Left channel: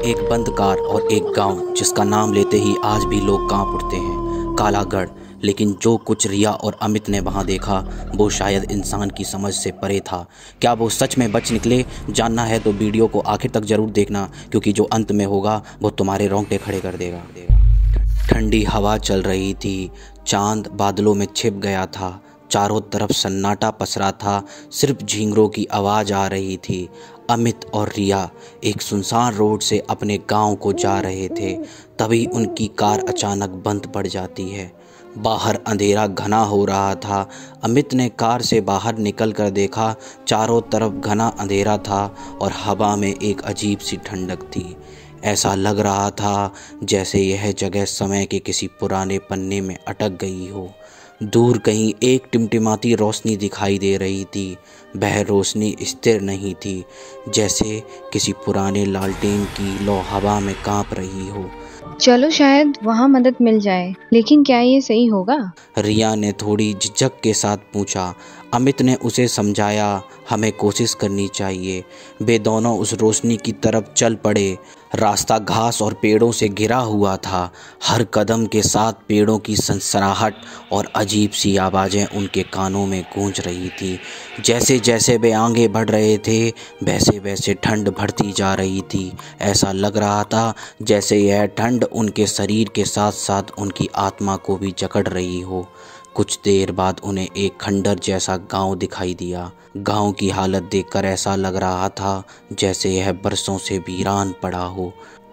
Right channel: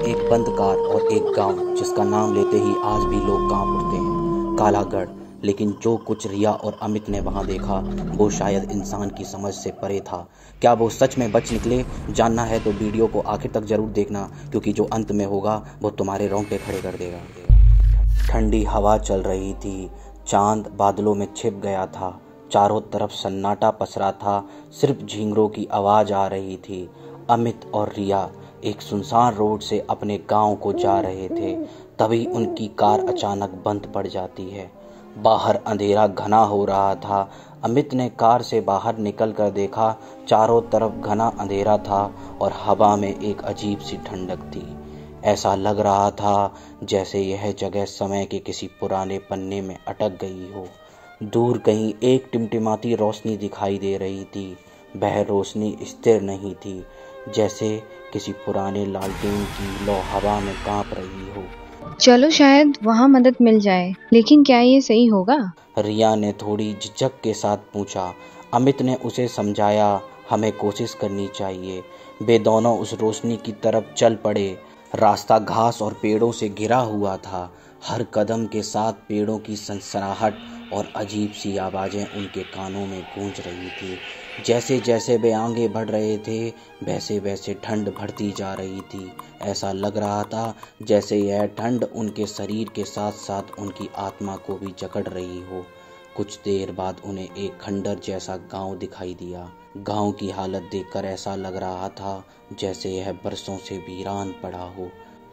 एक बंद कार और एक गांव जिसका नाम लेते ही आज भी लोग कांप उठते हैं, कालागढ़। लेकिन जो कुछ रिया और अमित ने वहां देखा वो शायद इंसान की समझ से परे था। क्या वो सच में बच निकले? जानना है तो वीडियो को आखिर तक जरूर देखना, क्योंकि जो अंत में होगा वो तुम्हारे रोंगटे खड़े कर देगा। ठंडी हवा चल रही थी, चांद बादलों में छिप गया था, चारों तरफ सन्नाटा पसरा था, सिर्फ झींगरों की आवाज़ आ रही थी। अमित और रिया एक सुनसान रोड से अपने गांव को जा रहे थे, तभी उनकी कार अचानक बंद पड़ जाती है। बाहर अंधेरा घना हो रहा था। अमित ने कार से बाहर निकल कर देखा, चारों तरफ घना अंधेरा था और हवा में एक अजीब सी ठंडक थी। ऐसा लग रहा था जैसे यह जगह समय के किसी पुराने पन्ने में अटक गई हो। दूर कहीं एक टिमटिमाती रोशनी दिखाई दे रही थी। वह रोशनी स्थिर नहीं थी, जैसे किसी पुराने लालटेन की लौ हवा में कांप रही हो। चलो शायद वहाँ मदद मिल जाए, लेकिन क्या ये सही होगा? रिया ने थोड़ी झिझक के साथ पूछा। अमित ने उसे समझाया, हमें कोशिश करनी चाहिए। वे दोनों उस रोशनी की तरफ चल पड़े। रास्ता घास और पेड़ों से घिरा हुआ था। हर कदम के साथ पेड़ों की सनसनाहट और अजीब सी आवाज़ें उनके कानों में गूंज रही थी। जैसे जैसे वे आगे बढ़ रहे थे वैसे वैसे ठंड बढ़ती जा रही थी। ऐसा लग रहा था जैसे यह ठंड उनके शरीर के साथ साथ उनकी आत्मा को भी जकड़ रही हो। कुछ देर बाद उन्हें एक खंडर जैसा गांव दिखाई दिया। गांव की हालत देखकर ऐसा लग रहा था जैसे यह बरसों से वीरान पड़ा हो।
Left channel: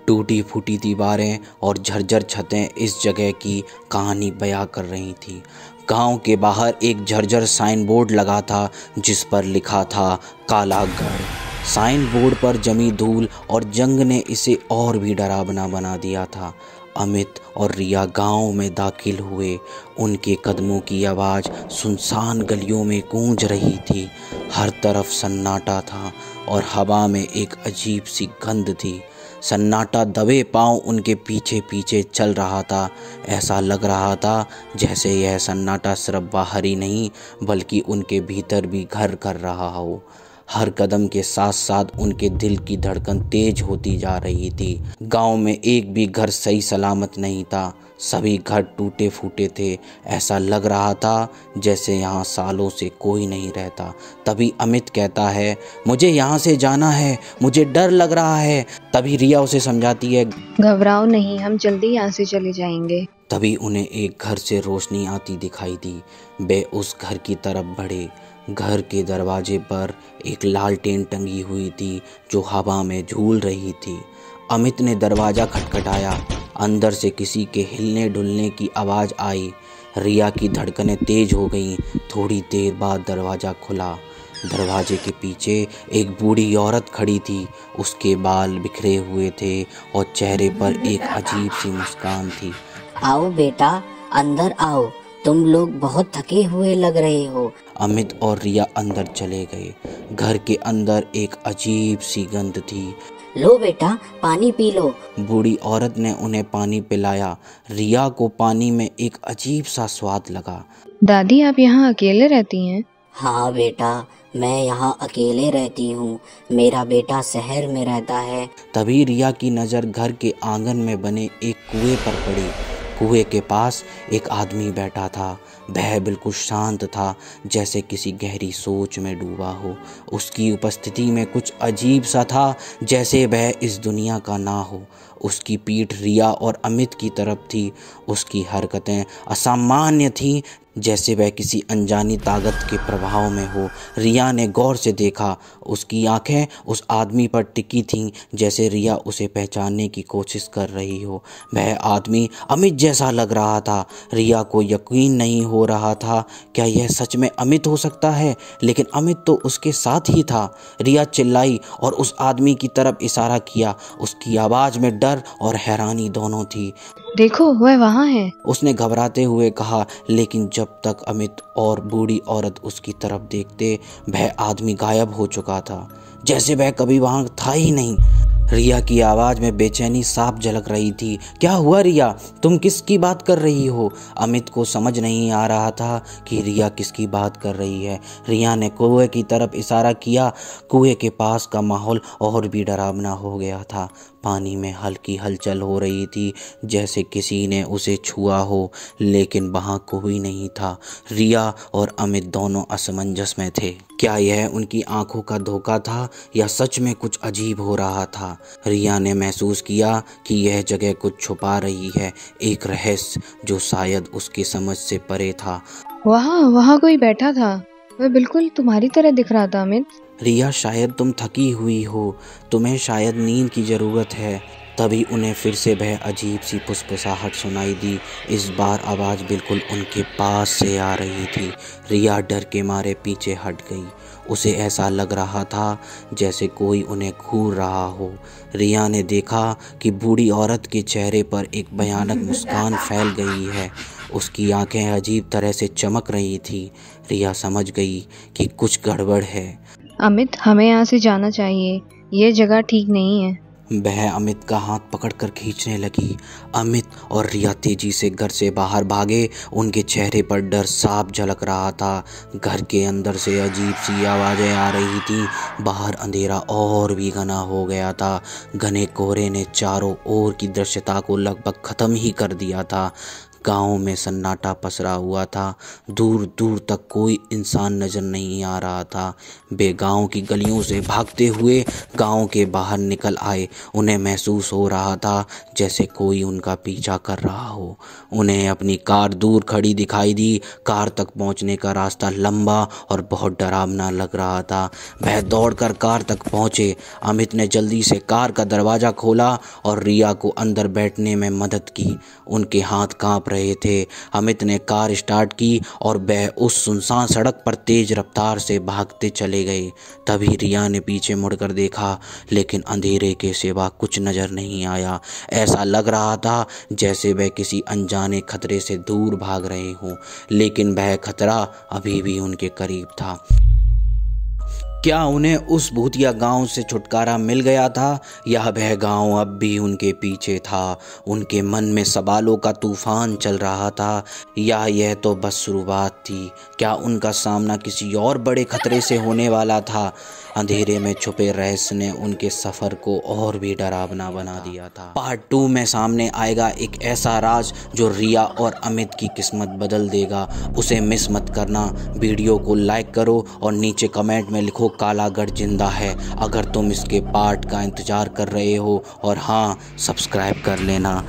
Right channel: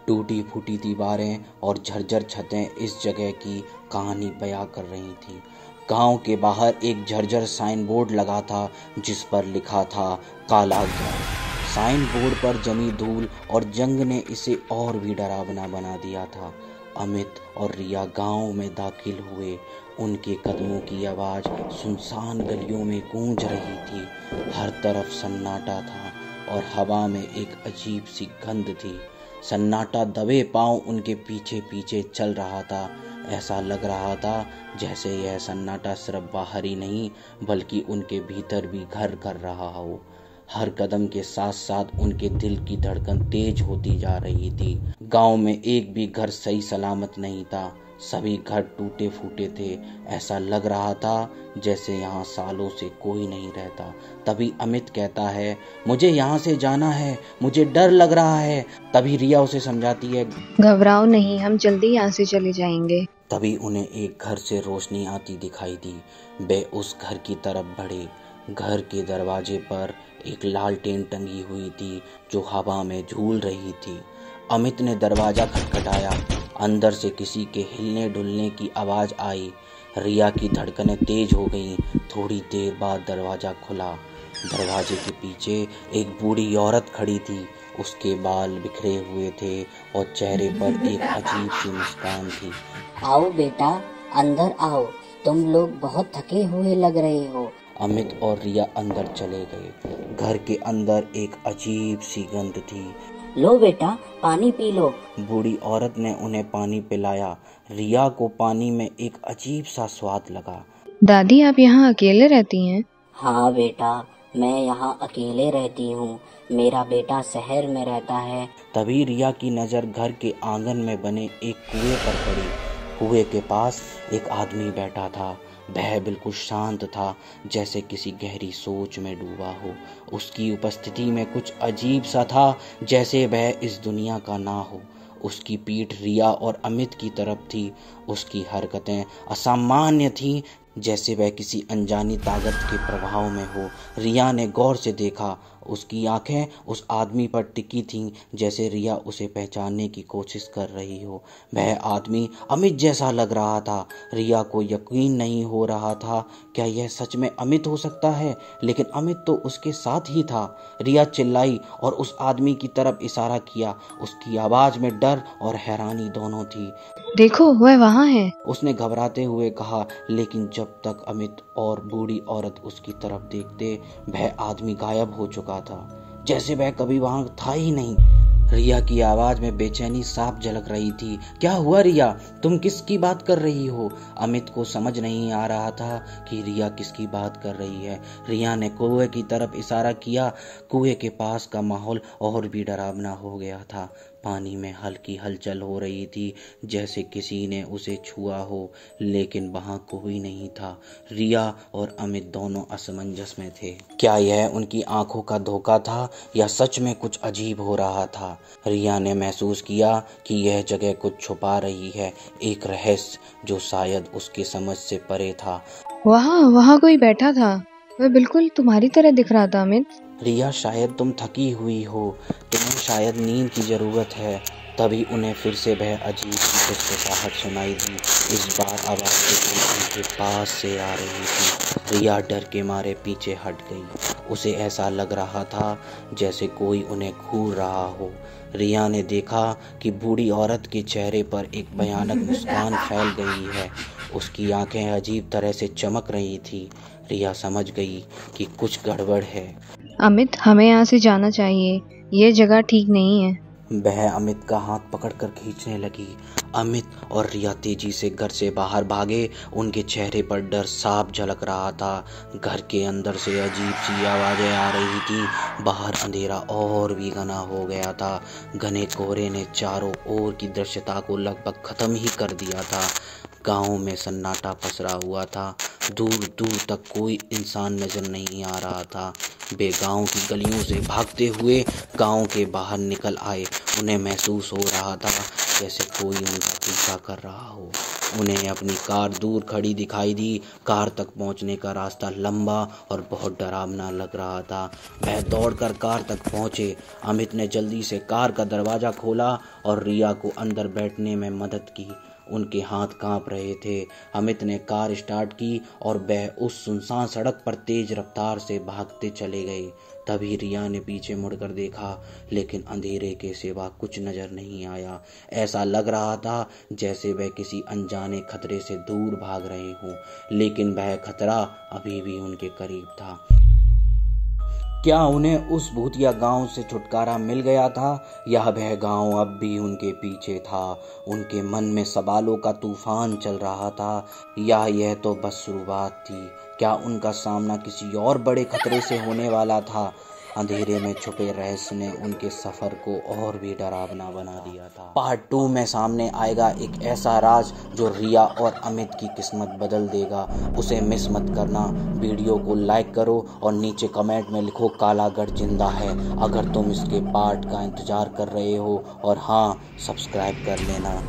टूटी फूटी दीवारें और झरझर छतें इस जगह की कहानी बयां कर रही थी। गांव के बाहर एक झरझर साइन बोर्ड लगा था जिस पर लिखा था कालागढ़। साइन बोर्ड पर जमी धूल और जंग ने इसे और भी डरावना बना दिया था। अमित और रिया गांव में दाखिल हुए। उनके कदमों की आवाज़ सुनसान गलियों में गूंज रही थी। हर तरफ सन्नाटा था और हवा में एक अजीब सी गंध थी। सन्नाटा दबे पांव उनके पीछे पीछे चल रहा था। ऐसा लग रहा था जैसे यह सन्नाटा सिर्फ बाहर ही नहीं बल्कि उनके भीतर भी घर कर रहा हो। हर कदम के साथ साथ उनके दिल की धड़कन तेज होती जा रही थी। गांव में एक भी घर सही सलामत नहीं था। सभी घर टूटे फूटे थे। ऐसा लग रहा था जैसे यहाँ सालों से कोई नहीं रहता। तभी अमित कहता है, मुझे यहाँ से जाना है, मुझे डर लग रहा है। तभी रिया उसे समझाती है, घबराओ नहीं, हम जल्दी यहाँ से चले जाएंगे। तभी उन्हें एक घर से रोशनी आती दिखाई दी। वे उस घर की तरफ बढ़े। घर के दरवाजे पर एक लालटेन टंगी हुई थी जो हवा में झूल रही थी। अमित ने दरवाज़ा खटखटाया। अंदर से किसी के हिलने डुलने की आवाज़ आई। रिया की धड़कनें तेज हो गईं। थोड़ी देर बाद दरवाज़ा खुला। दरवाजे के पीछे एक बूढ़ी औरत खड़ी थी। उसके बाल बिखरे हुए थे और चेहरे पर एक अजीब सी मुस्कान थी। आओ बेटा, अंदर आओ, तुम लोग बहुत थके हुए लग रहे हो। अमित और रिया अंदर चले गए। घर के अंदर एक अजीब सी गंध थी। लो बेटा, पानी पी लो। बूढ़ी औरत ने उन्हें पानी पिलाया। रिया को पानी में एक अजीब सा स्वाद लगा। दादी, आप यहाँ अकेले रहती हैं? हाँ बेटा, मैं यहाँ अकेले रहती हूँ। मेरा बेटा शहर में रहता है। तभी रिया की नज़र घर के आंगन में बने एक कुएं पर पड़ी। कुएं के पास एक आदमी बैठा था। वह बिल्कुल शांत था, जैसे किसी गहरी सोच में डूबा हो। उसकी उपस्थिति में कुछ अजीब सा था, जैसे वह इस दुनिया का ना हो। उसकी पीठ रिया और अमित की तरफ थी। उसकी हरकतें असामान्य थीं, जैसे वह किसी अनजानी ताकत के प्रभाव में हो। रिया ने गौर से देखा। उसकी आंखें उस आदमी पर टिकी थीं, जैसे रिया उसे पहचानने की कोशिश कर रही हो। वह आदमी अमित जैसा लग रहा था। रिया को यकीन नहीं हो रहा था, क्या यह सच में अमित हो सकता है? लेकिन अमित तो उसके साथ ही था। रिया चिल्लाई और उस आदमी की तरफ इशारा किया। उसकी आवाज़ में डर और हैरानी दोनों थी। देखो, वह वहाँ है, उसने घबराते हुए कहा। लेकिन जब तक अमित और बूढ़ी औरत उसकी तरफ देखते, वह आदमी गायब हो चुका था, जैसे वह कभी वहां था ही नहीं। रिया की आवाज़ में बेचैनी साफ झलक रही थी। क्या हुआ रिया, तुम किसकी बात कर रही हो? अमित को समझ नहीं आ रहा था कि रिया किसकी बात कर रही है। रिया ने कुएं की तरफ इशारा किया। कुएं के पास का माहौल और भी डरावना हो गया था। पानी में हल्की हलचल हो रही थी, जैसे किसी ने उसे छुआ हो, लेकिन वहाँ कोई नहीं था। रिया और अमित दोनों असमंजस में थे। क्या यह उनकी आंखों का धोखा था या सच में कुछ अजीब हो रहा था? रिया ने महसूस किया कि यह जगह कुछ छुपा रही है, एक रहस्य जो शायद उसकी समझ से परे था। वहाँ कोई बैठा था, वह बिल्कुल तुम्हारी तरह दिख रहा था अमित। रिया, शायद तुम थकी हुई हो, तुम्हें शायद नींद की ज़रूरत है। तभी उन्हें फिर से वह अजीब सी खुसखुसाहट सुनाई दी। इस बार आवाज़ बिल्कुल उनके पास से आ रही थी। रिया डर के मारे पीछे हट गई। उसे ऐसा लग रहा था जैसे कोई उन्हें घूर रहा हो। रिया ने देखा कि बूढ़ी औरत के चेहरे पर एक भयानक मुस्कान फैल गई है। उसकी आंखें अजीब तरह से चमक रही थी। रिया समझ गई कि कुछ गड़बड़ है। अमित, हमें यहाँ से जाना चाहिए, ये जगह ठीक नहीं है। वह अमित का हाथ पकड़कर खींचने लगी। अमित और रिया तेजी से घर से बाहर भागे। उनके चेहरे पर डर साफ झलक रहा था। घर के अंदर से अजीब सी आवाज़ें आ रही थी। बाहर अंधेरा और भी घना हो गया था। घने कोहरे ने चारों ओर की दृश्यता को लगभग ख़त्म ही कर दिया था। गांव में सन्नाटा पसरा हुआ था। दूर दूर तक कोई इंसान नजर नहीं आ रहा था। वे गांव की गलियों से भागते हुए गांव के बाहर निकल आए। उन्हें महसूस हो रहा था जैसे कोई उनका पीछा कर रहा हो। उन्हें अपनी कार दूर खड़ी दिखाई दी। कार तक पहुंचने का रास्ता लंबा और बहुत डरावना लग रहा था। वह दौड़कर कार तक पहुंचे। अमित ने जल्दी से कार का दरवाज़ा खोला और रिया को अंदर बैठने में मदद की। उनके हाथ कांप रहे थे। अमित ने कार स्टार्ट की और वह उस सुनसान सड़क पर तेज रफ्तार से भागते चले गए। तभी रिया ने पीछे मुड़कर देखा, लेकिन अंधेरे के सिवा कुछ नज़र नहीं आया। ऐसा लग रहा था जैसे वह किसी अनजाने खतरे से दूर भाग रहे हों, लेकिन वह खतरा अभी भी उनके करीब था। क्या उन्हें उस भूतिया गांव से छुटकारा मिल गया था या वह गांव अब भी उनके पीछे था? उनके मन में सवालों का तूफान चल रहा था। या यह तो बस शुरुआत थी? क्या उनका सामना किसी और बड़े खतरे से होने वाला था? अंधेरे में छुपे रहस्य ने उनके सफ़र को और भी डरावना बना दिया था। पार्ट 2 में सामने आएगा एक ऐसा राज जो रिया और अमित की किस्मत बदल देगा। उसे मिस मत करना। वीडियो को लाइक करो और नीचे कमेंट में लिखो कालागढ़ जिंदा है अगर तुम इसके पार्ट का इंतज़ार कर रहे हो। और हाँ, सब्सक्राइब कर लेना।